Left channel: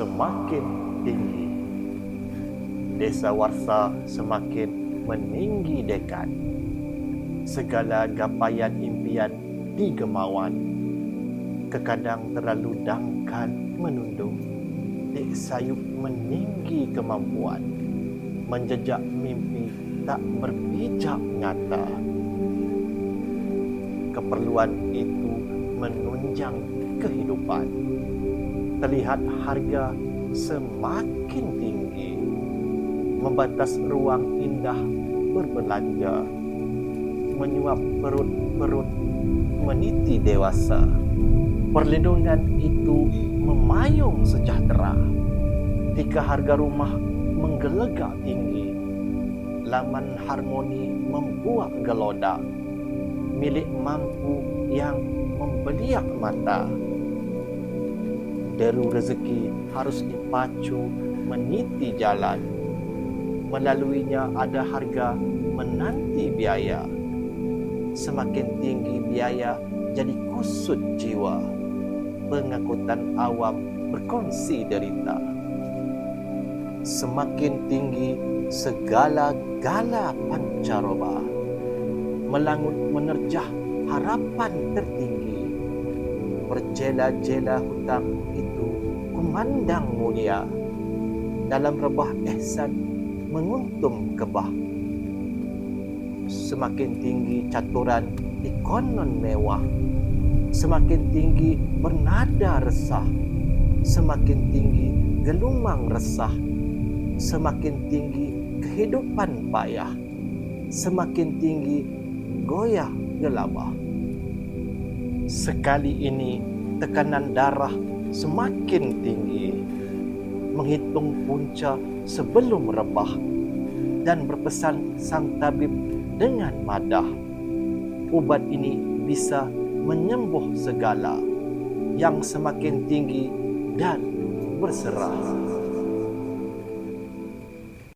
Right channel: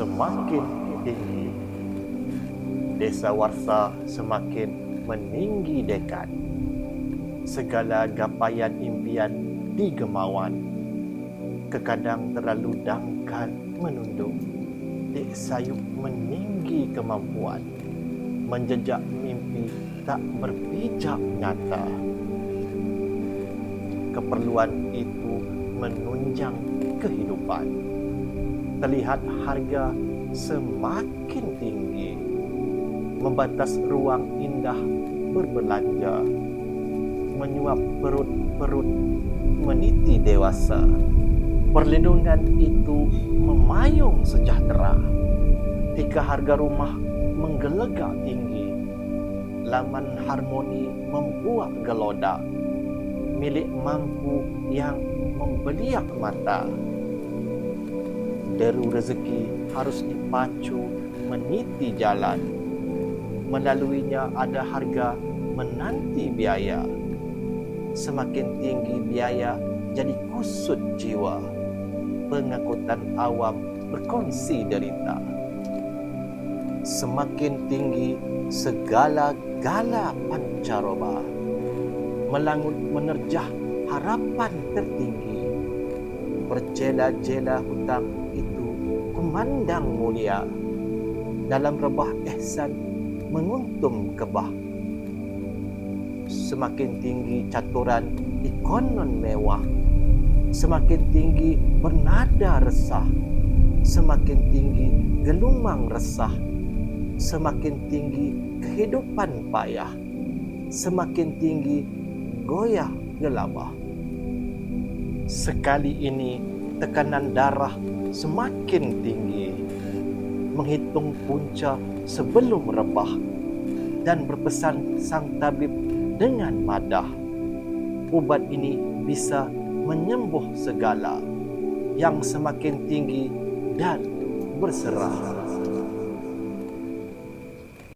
semakin tinggi. Dasawarsa semakin meninggi dekat. Segala gapaian impian digemawan. Kekadang terlalu dangkal menunduk. Dek sayup meninggi kemampuan. Menjejak mimpi tak berpijak nyata. Keperluan itu menunjang kehidupan. Terlihat harga semakin tinggi. Membatas ruang indah berbelanja. Menyuap perut-perut meniti dewasa. Perlindungan itu memayung sejahtera. Tika harga rumah menggelegak tinggi. Laman harmoni membuak gelodak. Milik mampu yang membeliak mata. Deru rezeki harus dipacu meniti jalan. Melaluinya ada harga menanti biaya. Semakin tinggi biaya jadi kusut jiwa. Pengangkutan awam berkongsi derita. Semakin tinggi segala-gala pancaroba. Melangut menerjah harapan tertinggi. Berjela-jela hutang itu kumandang mulia. Dalam rebah ihsan menguntum kebah. Semakin tinggi caturan ikonon mewah. Semakin tinggi bernada resah. Semakin tinggi gelumang resah. Semakin tinggi kehidupan payah. Semakin tinggi goyah gelabah. Sekali ini tekanan darah semakin tinggi. Menghitung punca sebelum rebah. Dan berpesan sang tabib dengan madah. Ubat ini bisa menyembuh segala. Yang semakin tinggi dan berserah.